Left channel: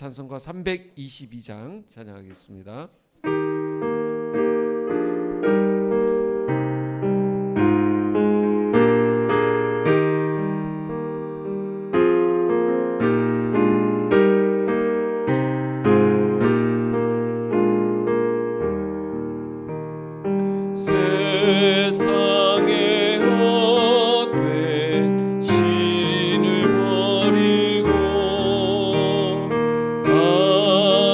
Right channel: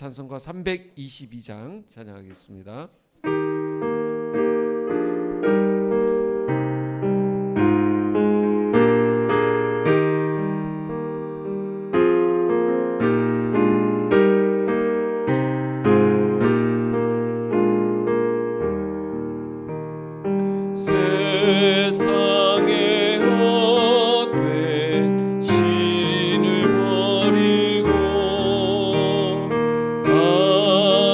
찬송가 322장 찬양하겠습니다. 세상에 헛된 신을 버리고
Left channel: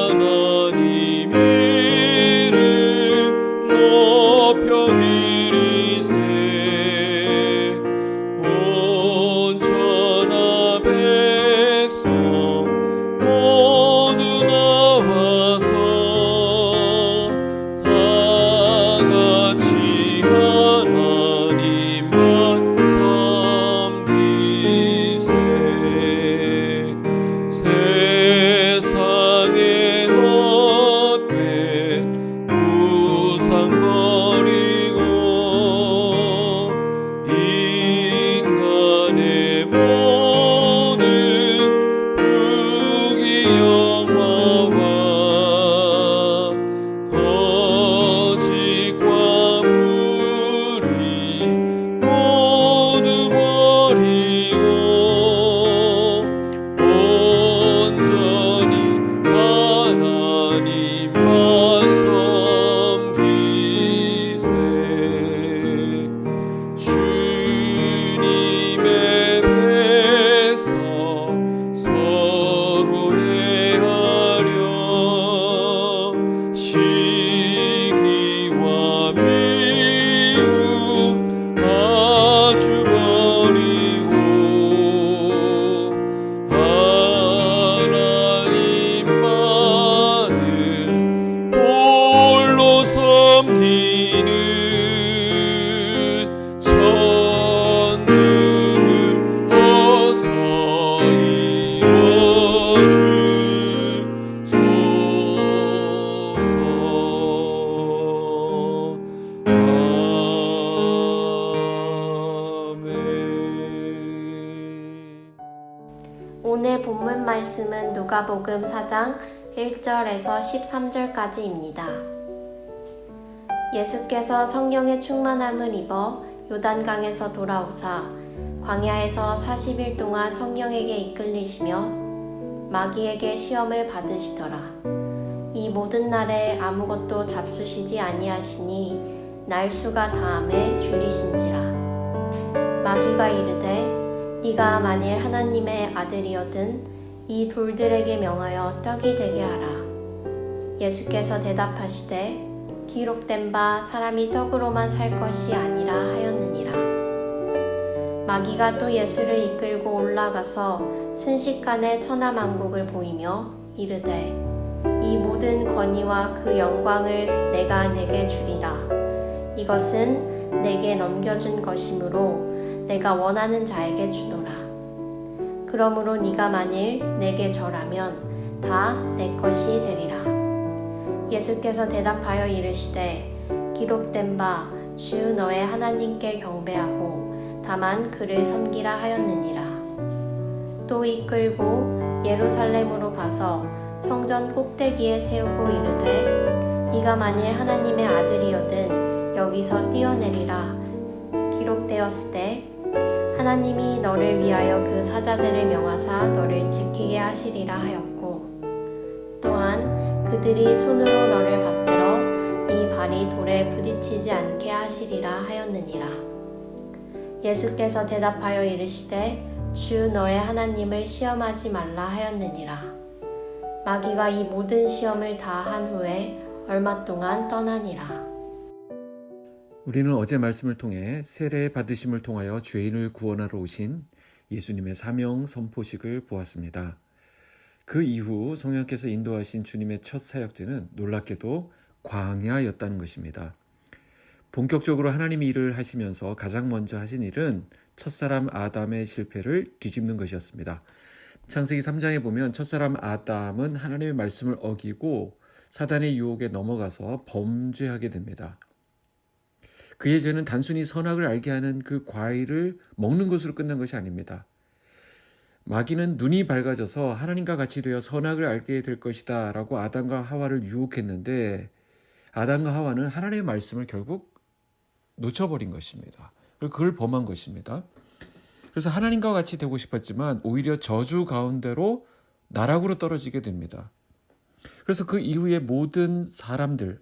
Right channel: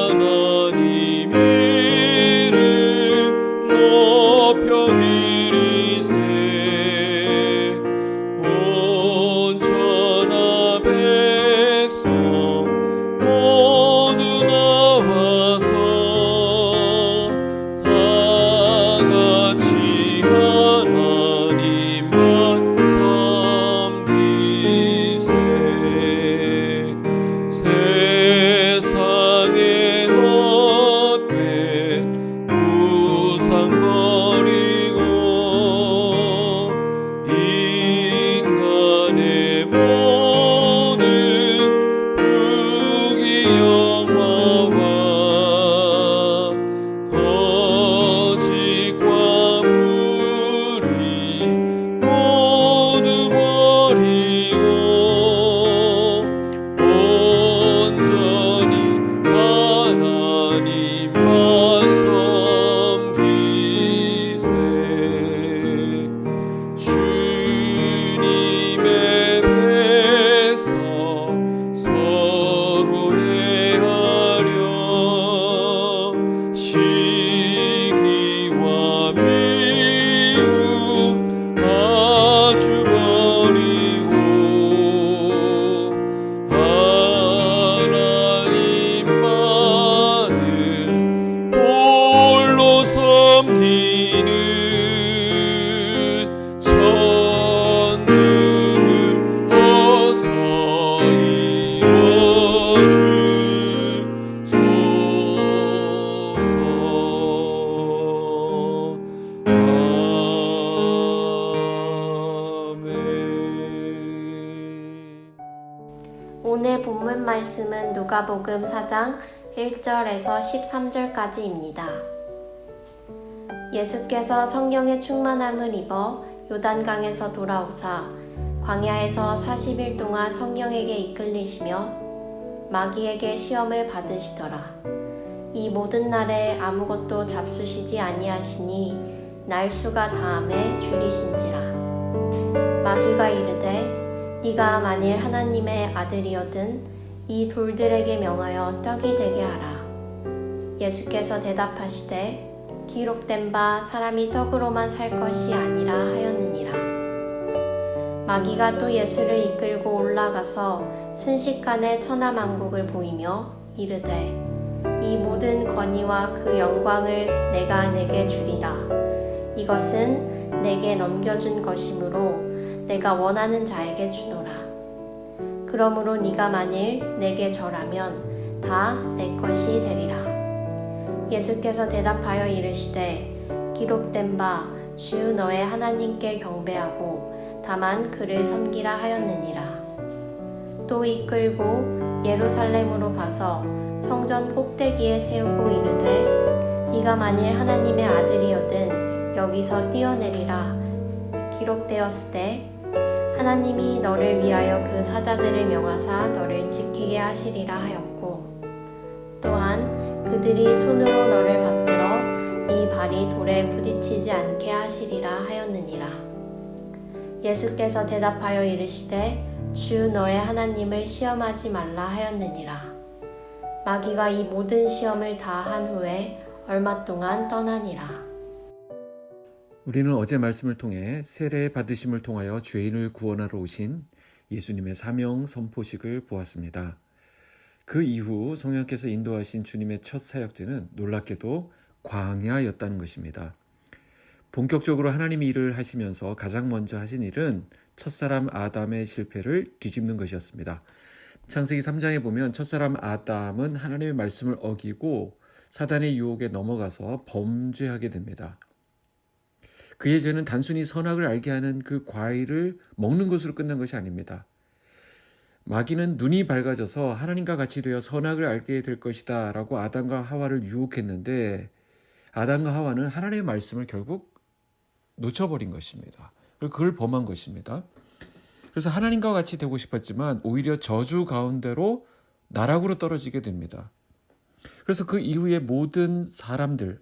하나님 이름 높여 기리세. 온 천하 백성 모두 나와서 다 같이 하나님만 섬기세. 세상에 헛된 우상 버리고 인간의 모든 부귀영화와 거짓과 불의 모두 버리고 온전히 하나님만 섬기세. 주님의 백성 서로 해하려 시기와 미움 아주 버리고 하나님만은 홀로 섬기는 천국을 어서 이뤄주소서. 아멘. 오늘 본문 말씀은 누가복음 4장 1절에서 13절까지입니다. 예수께서 성령의 충만함을 입어 요단강에서 돌아오사 광야에서 40일 동안 성령에게 이끌리시며 마귀에게 시험을 받으시더라. 이 모든 날에 아무것도 잡수시지 아니하시니 날수가 다함에 줄이신지라. 마귀가 이르되 네가 만일 하나님의 아들이거든 이 돌들에게 명하여 떡이 되게 하라. 예수께서 대답하시되 기록된 바 사람이 떡으로만 살 것이 아니라 하였느니라. 마귀가 또 예수를 이끌고 올라가서 순식간에 천하만국을 보이며 이르되 이 모든 권위와 그 영광을 내가 내게 주리라. 이것은 내게 넘겨준 것이므로 내가 원하는 자에게 주노라. 그러므로 네가 만일 내게 절하면 다 내 것이 되리라. 예수께서 대답하여 이르시되 기록된 바 주 너의 하나님께 경배하고 다만 그를 섬기라 하였느니라. 또 이끌고 예루살렘으로 가서 성전 꼭대기에 세우고 이르되 네가 만일 하나님의 아들이거든 여기서 뛰어내리라. 기록되었으되 하나님이 너를 위하여 그 사자들을 명하사 너를 지키게 하시리라 하였고 또한 그들이 손으로 너를 받들어 네 발이 돌에 부딪히지 않게 하시리라 하였느니라. 예수께서 대답하여 이르시되 주 너의 하나님을 시험하지 말라 하였느니라. 마귀가 이 모든 시험을 다 한 후에 얼마 동안 떠나니라. 우리는 어제 말씀을 통해 세례 받으심을 통하여 죄인을 구원하러 오신 예수님의 사명 선포식을 보았습니다. 그 이후 성령께서 인도하신 주님의 첫 사역지는 놀랍게도 광야였다는 것입니다. 본격적으로 하나님이 일을 하시면서 가장 먼저 하신 일은 첫사람 아담의 실패를 뒤집는 것이었습니다. 창세기 3장에 보면 첫사람 아담은 하나님의 말씀을 어기고 사단의 유혹에 넘어가서 범죄하게 됩니다. 그의 죄는 단순히 선악을 알게 하는 그 과일을 먹는 것으로 끝난 것이 아닙니다. 마귀는 눈이 밝아져서 하나님과 같이 되어 선악을 알게 될 것이다 라고 아담과 하와를 유혹했는데, 아담과 하와는 하나님의 말씀을 결국 놓쳐버린 것입니다. 그리고 그걸 범한 것입니다. 그래서 하나님과 같이 되고 싶었지만 오히려 저주 가운데로 나락으로 떨어지게 됩니다. 그래서 그 이후에 모든 사람들,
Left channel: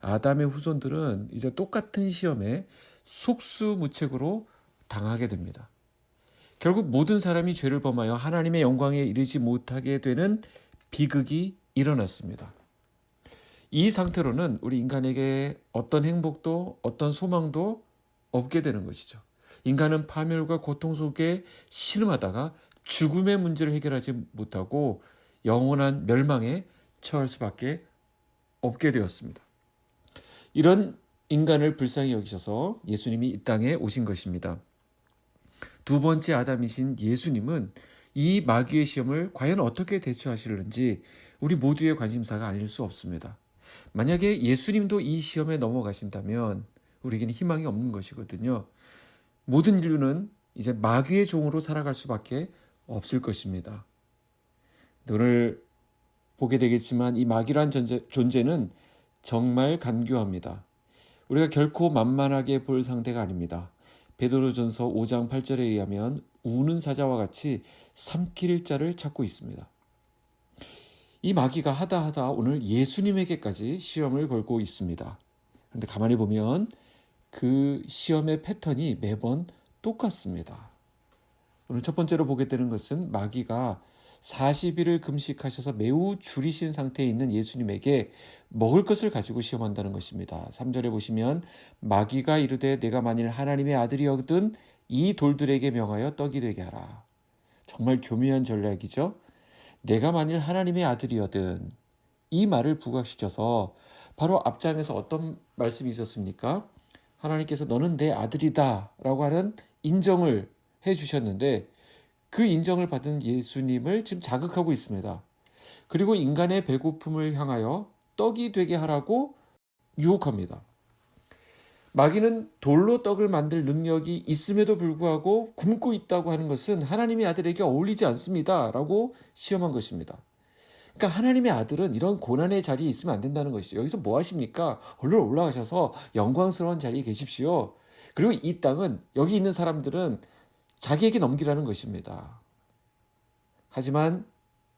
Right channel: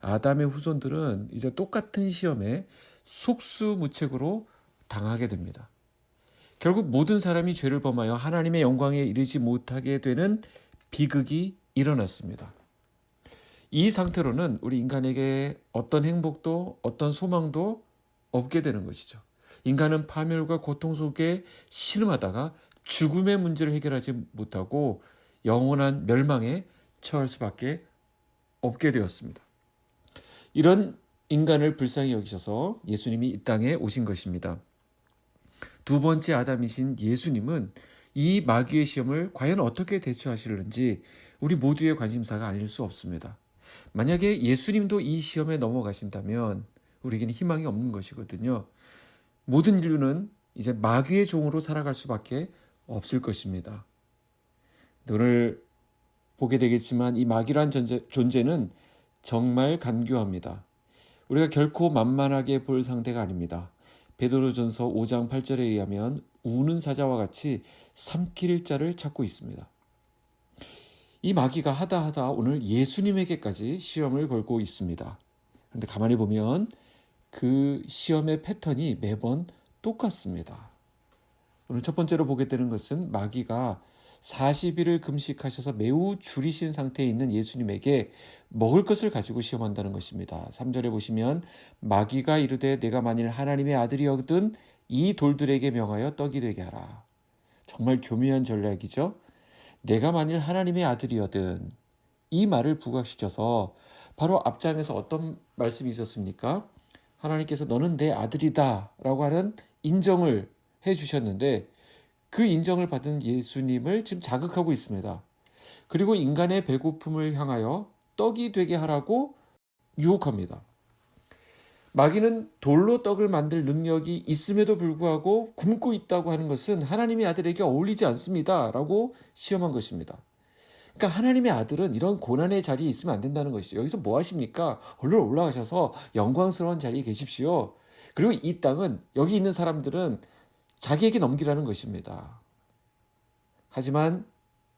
아담의 후손들은 이제 똑같은 시험에 속수무책으로 당하게 됩니다. 결국 모든 사람이 죄를 범하여 하나님의 영광에 이르지 못하게 되는 비극이 일어났습니다. 이 상태로는 우리 인간에게 어떤 행복도 어떤 소망도 없게 되는 것이죠. 인간은 파멸과 고통 속에 신음하다가 죽음의 문제를 해결하지 못하고 영원한 멸망에 처할 수밖에 없게 되었습니다. 이런 인간을 불쌍히 여기셔서 예수님이 이 땅에 오신 것입니다. 두 번째 아담이신 예수님은 이 마귀의 시험을 과연 어떻게 대처하실는지 우리 모두의 관심사가 아닐 수 없습니다. 만약에 예수님도 이 시험에 넘어가신다면 우리에게는 희망이 없는 것이거든요. 모든 인류는 이제 마귀의 종으로 살아갈 수밖에 없을 것입니다. 오늘 보게 되겠지만 이 마귀란 존재는 정말 간교합니다. 우리가 결코 만만하게 볼 상대가 아닙니다. 베드로전서 5장 8절에 의하면 우는 사자와 같이 삼킬 자를 찾고 있습니다. 이 마귀가 하다 오늘 예수님에게까지 시험을 걸고 있습니다. 그런데 가만히 보면 그 시험의 패턴이 매번 똑같습니다. 오늘 첫 번째로 보게 되는 것은 마귀가 40일을 금식하셔서 매우 줄이신 상태에 있는 예수님에게 먹을 것을 가지고 시험한다는 것입니다. 3절에 보시면 마귀가 이르되 내가 만일 하나님의 아들이거든 이 돌들에게 명하여 떡이 되게 하라. 정말 교묘한 전략이죠. 내가 만일 하나님의 아들이거든, 이 말을 부각시켜서 바로 앞장에서 어떤 말씀이 있었습니까? 하나님께서 너는 내 아들이다 라고 하는 인정을 해주셨는데 그 인정을 받은 예수님을 지금 자극하고 있습니다. 그리고 인간의 배고픔을 향하여 떡이 되게 하라고 유혹합니다. 마귀는 돌로 떡을 만들 능력이 있음에도 불구하고 굶고 있다고 하는 것은 하나님의 아들에게 어울리지 않습니다 라고 시험한 것입니다. 그러니까 하나님의 아들은 이런 고난의 자리에 있으면 안 된다는 것이죠. 여기서 뭐 하십니까? 얼른 올라가셔서 영광스러운 자리에 계십시오. 그리고 이 땅은, 여기 있는 사람들은 자기에게 넘기라는 것입니다. 하지만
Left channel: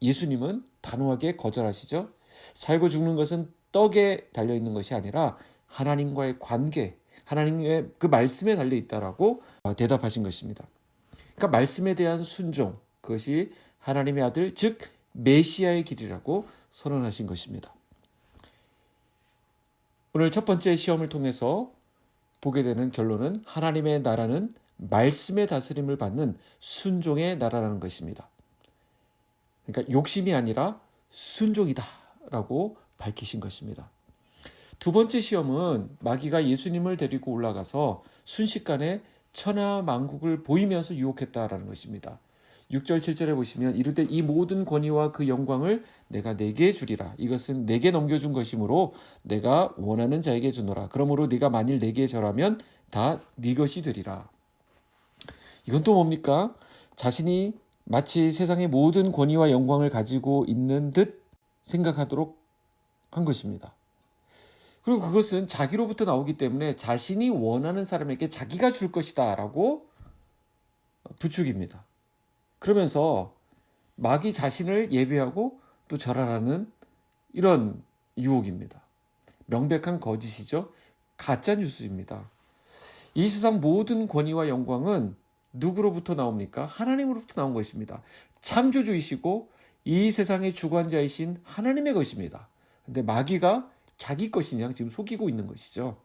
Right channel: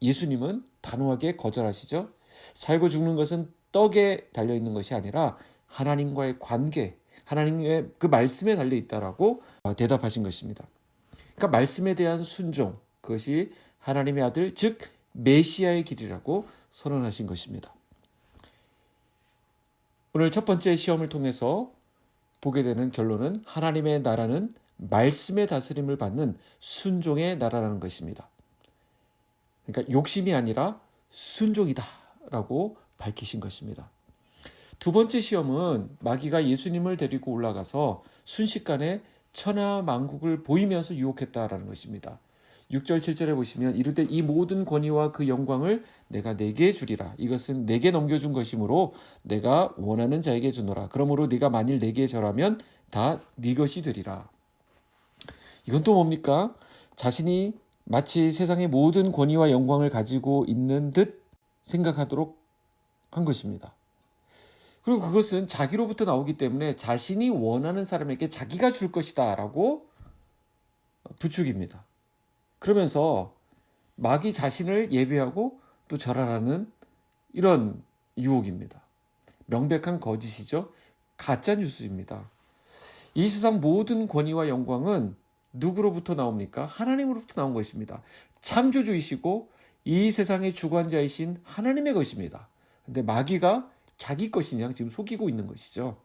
예수님은 단호하게 거절하시죠. 살고 죽는 것은 떡에 달려있는 것이 아니라 하나님과의 관계, 하나님의 그 말씀에 달려있다라고 대답하신 것입니다. 그러니까 말씀에 대한 순종, 그것이 하나님의 아들, 즉 메시아의 길이라고 선언하신 것입니다. 오늘 첫 번째 시험을 통해서 보게 되는 결론은 하나님의 나라는 말씀의 다스림을 받는 순종의 나라라는 것입니다. 그러니까 욕심이 아니라 순종이다라고 밝히신 것입니다. 두 번째 시험은 마귀가 예수님을 데리고 올라가서 순식간에 천하만국을 보이면서 유혹했다라는 것입니다. 6절 7절에 보시면 이르되 이 모든 권위와 그 영광을 내가 네게 주리라. 이것은 내게 넘겨준 것이므로 내가 원하는 자에게 주노라. 그러므로 네가 만일 내게 절하면 다 네 것이 되리라. 이건 또 뭡니까? 자신이 마치 세상의 모든 권위와 영광을 가지고 있는 듯 생각하도록 한 것입니다. 그리고 그것은 자기로부터 나오기 때문에 자신이 원하는 사람에게 자기가 줄 것이다 라고 부추깁니다. 그러면서 마귀 자신을 예배하고 또 절하라는 이런 유혹입니다. 명백한 거짓이죠. 가짜 뉴스입니다. 이 세상 모든 권위와 영광은 누구로부터 나옵니까? 하나님으로부터 나온 것입니다. 창조주이시고 이 세상의 주관자이신 하나님의 것입니다. 근데 마귀가 자기 것이냐 지금 속이고 있는 것이죠.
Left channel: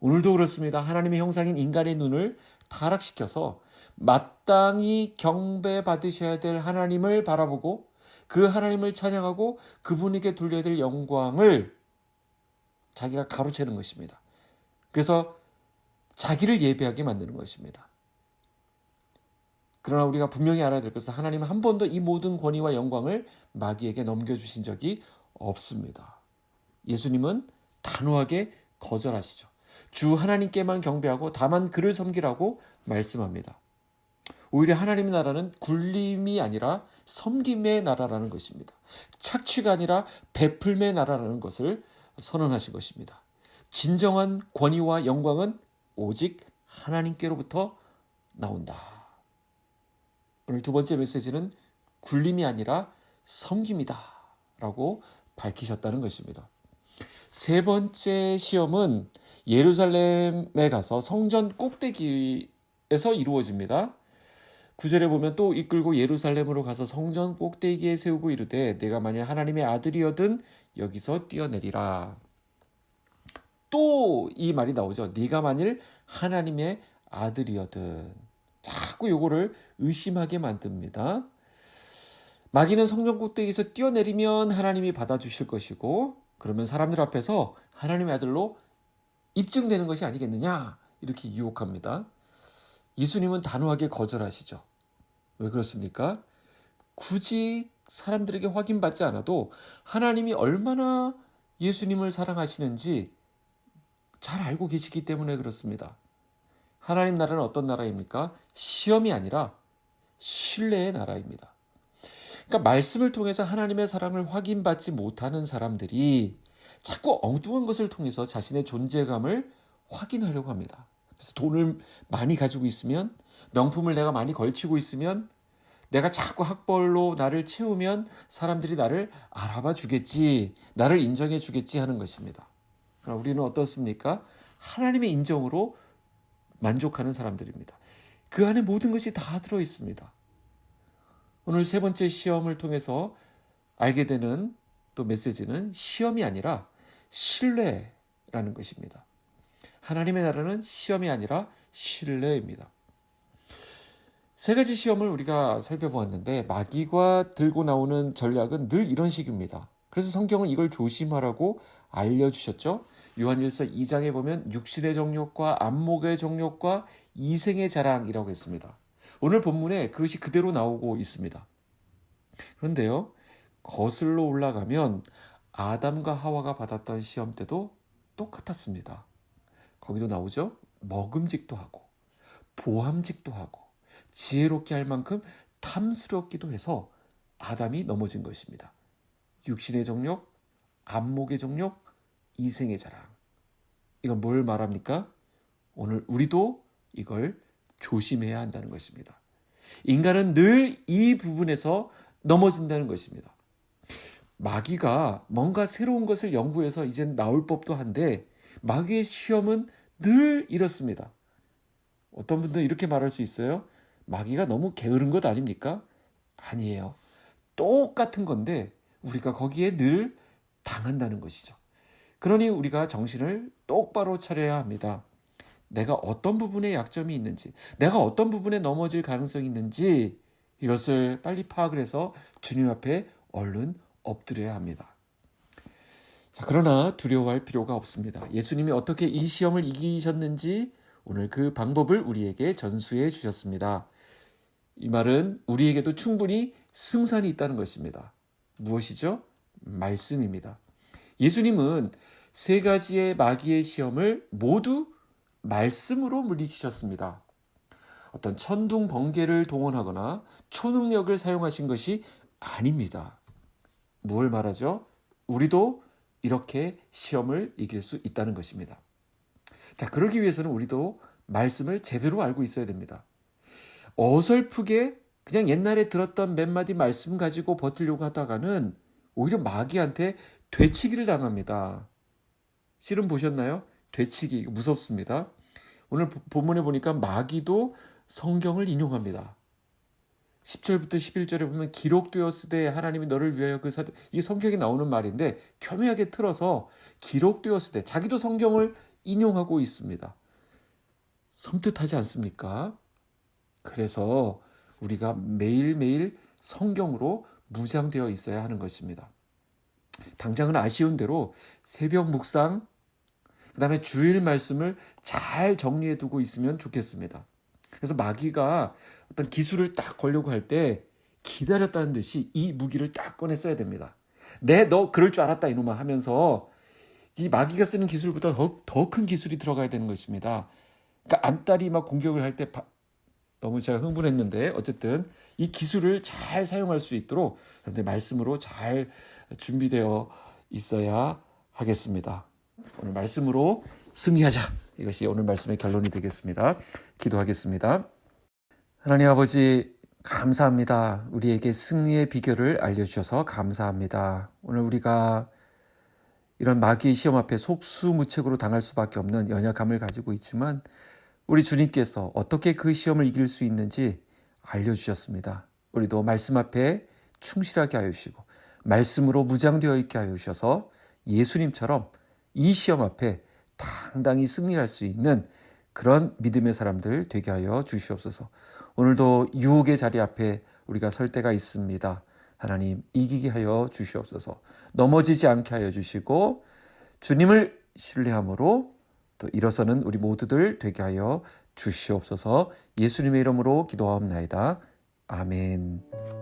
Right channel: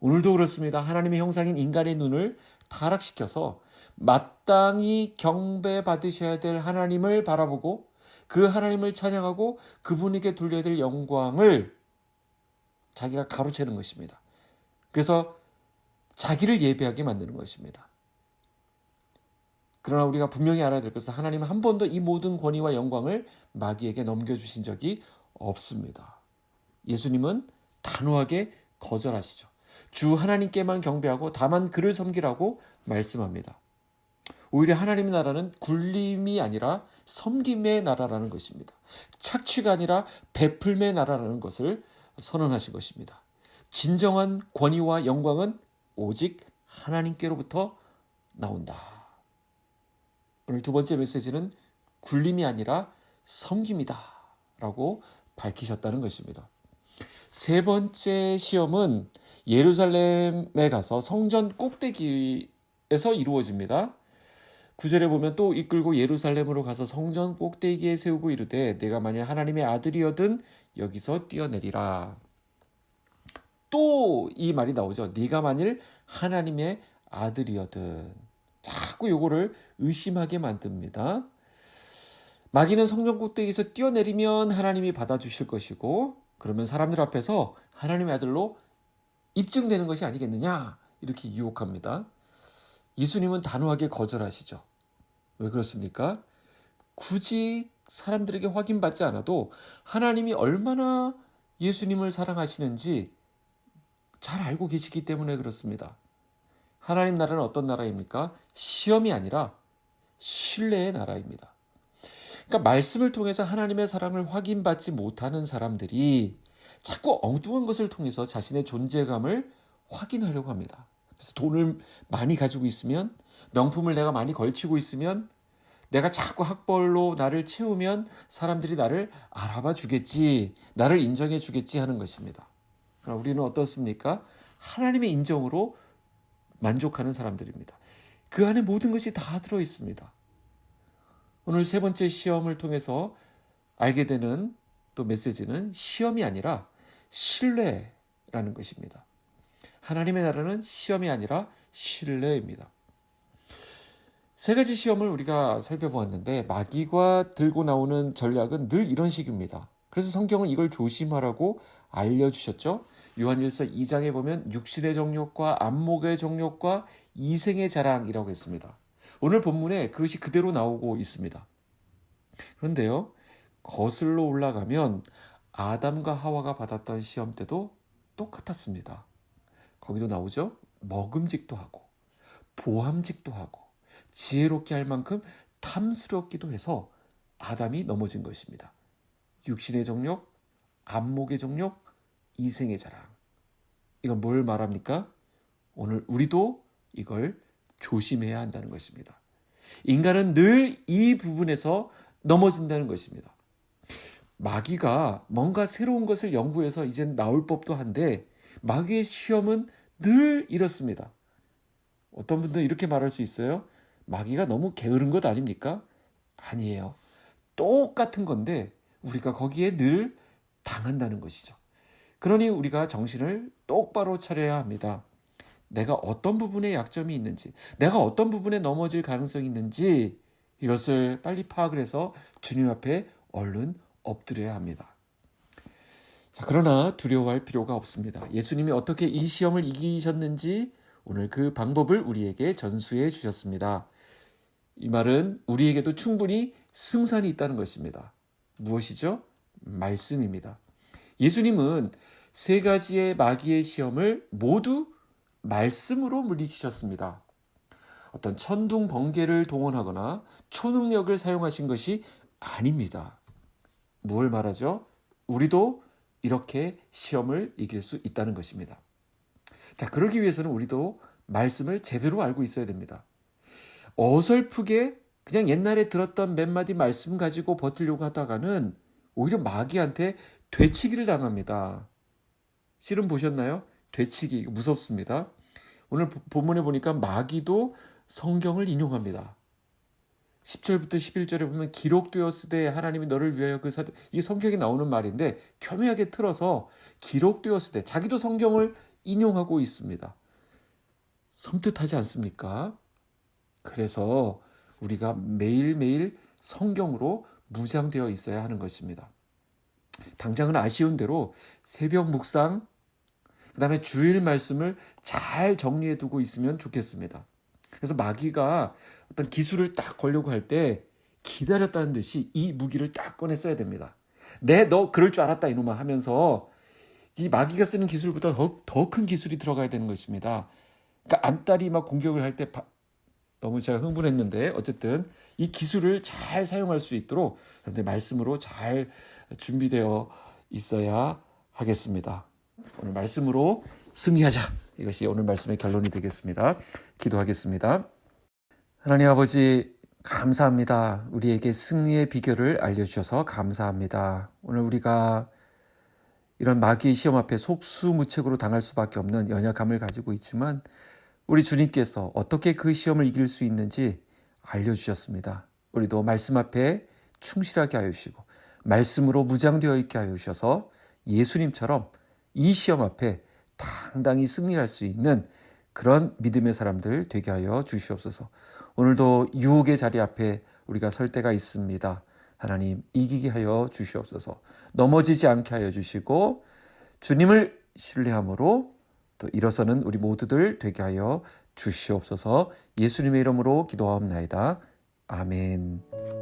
오늘도 그렇습니다. 하나님의 형상인 인간의 눈을 타락시켜서 마땅히 경배받으셔야 될 하나님을 바라보고 그 하나님을 찬양하고 그분에게 돌려야 될 영광을 자기가 가로채는 것입니다. 그래서 자기를 예배하게 만드는 것입니다. 그러나 우리가 분명히 알아야 될 것은 하나님은 한 번도 이 모든 권위와 영광을 마귀에게 넘겨주신 적이 없습니다. 예수님은 단호하게 거절하시죠. 주 하나님께만 경배하고 다만 그를 섬기라고 말씀합니다. 오히려 하나님의 나라는 굴림이 아니라 섬김의 나라라는 것입니다. 착취가 아니라 베풀매 나라라는 것을 선언하신 것입니다. 진정한 권위와 영광은 오직 하나님께로부터 나온다. 오늘 두 번째 메시지는 굴림이 아니라 섬김이다 라고 밝히셨다는 것입니다. 세 번째 시험은 예루살렘에 가서 성전 꼭대기에서 이루어집니다. 9절에 보면 또 이끌고 예루살렘으로 가서 성전 꼭대기에 세우고 이르되 내가 만일 하나님의 아들이여든 여기서 뛰어내리라. 또 이 말이 나오죠. 네가 만일 하나님의 아들이여든. 자꾸 요거를 의심하게 만듭니다. 마귀는 성전 꼭대기에서 뛰어내리면 하나님이 받아주실 것이고 그러면 사람들 앞에서 하나님의 아들로 입증되는 것이 아니겠느냐 이렇게 유혹합니다. 예수님은 단호하게 거절하시죠. 왜 그렇습니까? 굳이 사람들에게 확인받지 않아도 하나님이 얼마나 예수님을 사랑하시는지 잘 알고 계시기 때문에 그렇습니다. 하나님 나라는 어떤 나라입니까? 시험이 아니라 신뢰의 나라입니다. 그러니까 말씀을 통해서 하나님의 사랑을 확인받지 못하는 사람들이 자꾸 엉뚱한 것을 통해서 자신의 존재감을 확인하려고 합니다. 그래서 돈을 많이 가지고 있으면, 명품을 내가 많이 걸치고 있으면, 내가 자꾸 학벌로 나를 채우면 사람들이 나를 알아봐 주겠지, 나를 인정해 주겠지 하는 것입니다. 그러나 우리는 어떻습니까? 하나님의 인정으로 만족하는 사람들입니다. 그 안에 모든 것이 다 들어 있습니다. 오늘 세 번째 시험을 통해서 알게 되는 또 메시지는 시험이 아니라 신뢰라는 것입니다. 하나님의 나라는 시험이 아니라 신뢰입니다. 세 가지 시험을 우리가 살펴보았는데 마귀가 들고 나오는 전략은 늘 이런 식입니다. 그래서 성경은 이걸 조심하라고 알려주셨죠. 요한일서 2장에 보면 육신의 정욕과 안목의 정욕과 이생의 자랑이라고 했습니다. 오늘 본문에 그것이 그대로 나오고 있습니다. 그런데요, 거슬러 올라가면 아담과 하와가 받았던 시험 때도 똑같았습니다. 거기도 나오죠. 먹음직도 하고 보함직도 하고 지혜롭게 할 만큼 탐스럽기도 해서 아담이 넘어진 것입니다. 육신의 정욕, 안목의 정욕, 이생의 자랑. 이건 뭘 말합니까? 오늘 우리도 이걸 조심해야 한다는 것입니다. 인간은 늘 이 부분에서 넘어진다는 것입니다. 마귀가 뭔가 새로운 것을 연구해서 이젠 나올 법도 한데 마귀의 시험은 늘 이렇습니다. 어떤 분들은 이렇게 말할 수 있어요. 마귀가 너무 게으른 것 아닙니까? 아니에요. 똑같은 건데 우리가 거기에 늘 당한다는 것이죠. 그러니 우리가 정신을 똑바로 차려야 합니다. 내가 어떤 부분에 약점이 있는지, 내가 어떤 부분에 넘어질 가능성이 있는지 이것을 빨리 파악을 해서 주님 앞에 얼른 엎드려야 합니다. 자, 그러나 두려워할 필요가 없습니다. 예수님이 어떻게 이 시험을 이기셨는지 오늘 그 방법을 우리에게 전수해 주셨습니다. 이 말은 우리에게도 충분히 승산이 있다는 것입니다. 무엇이죠? 말씀입니다. 예수님은 세 가지의 마귀의 시험을 모두 말씀으로 물리치셨습니다. 어떤 천둥 번개를 동원하거나 초능력을 사용하신 것이 아닙니다. 뭘 말하죠? 우리도 이렇게 시험을 이길 수 있다는 것입니다. 자, 그러기 위해서는 우리도 말씀을 제대로 알고 있어야 됩니다. 어설프게 그냥 옛날에 들었던 몇 마디 말씀 가지고 버티려고 하다가는 오히려 마귀한테 되치기를 당합니다. 실은 보셨나요? 되치기 무섭습니다. 오늘 본문에 보니까 마귀도 성경을 인용합니다. 10절부터 11절에 보면 기록되었으되 하나님이 너를 위하여 이게 성경에 나오는 말인데 교묘하게 틀어서 기록되었으되 자기도 성경을 인용하고 있습니다. 섬뜩하지 않습니까? 그래서 우리가 매일매일 성경으로 무장되어 있어야 하는 것입니다. 당장은 아쉬운 대로 새벽 묵상, 그 다음에 주일 말씀을 잘 정리해 두고 있으면 좋겠습니다. 그래서 마귀가 어떤 기술을 딱 걸려고 할 때 기다렸다는 듯이 이 무기를 딱 꺼내 써야 됩니다. 너 그럴 줄 알았다 이놈아 하면서 이 마귀가 쓰는 기술보다 더 큰 기술이 들어가야 되는 것입니다. 그러니까 안달이 막 공격을 할 때 너무 제가 흥분했는데 어쨌든 이 기술을 잘 사용할 수 있도록 여러분들 말씀으로 잘 준비되어 있어야 하겠습니다. 오늘 말씀으로 승리하자. 이것이 오늘 말씀의 결론이 되겠습니다. 기도하겠습니다. 하나님 아버지 감사합니다. 우리에게 승리의 비결을 알려주셔서 감사합니다. 오늘 우리가 이런 마귀의 시험 앞에 속수무책으로 당할 수밖에 없는 연약함을 가지고 있지만 우리 주님께서 어떻게 그 시험을 이길 수 있는지 알려주셨습니다. 우리도 말씀 앞에 충실하게 하여 주시고 말씀으로 무장되어 있게 하여 주셔서 예수님처럼 이 시험 앞에 당당히 승리할 수 있는 그런 믿음의 사람들 되게 하여 주시옵소서. 오늘도 유혹의 자리 앞에 우리가 설 때가 있습니다. 하나님 이기게 하여 주시옵소서. 넘어지지 않게 하여 주시고 주님을 신뢰함으로 또 일어서는 우리 모두들 되게 하여 주시옵소서. 예수님의 이름으로 기도하옵나이다. 아멘.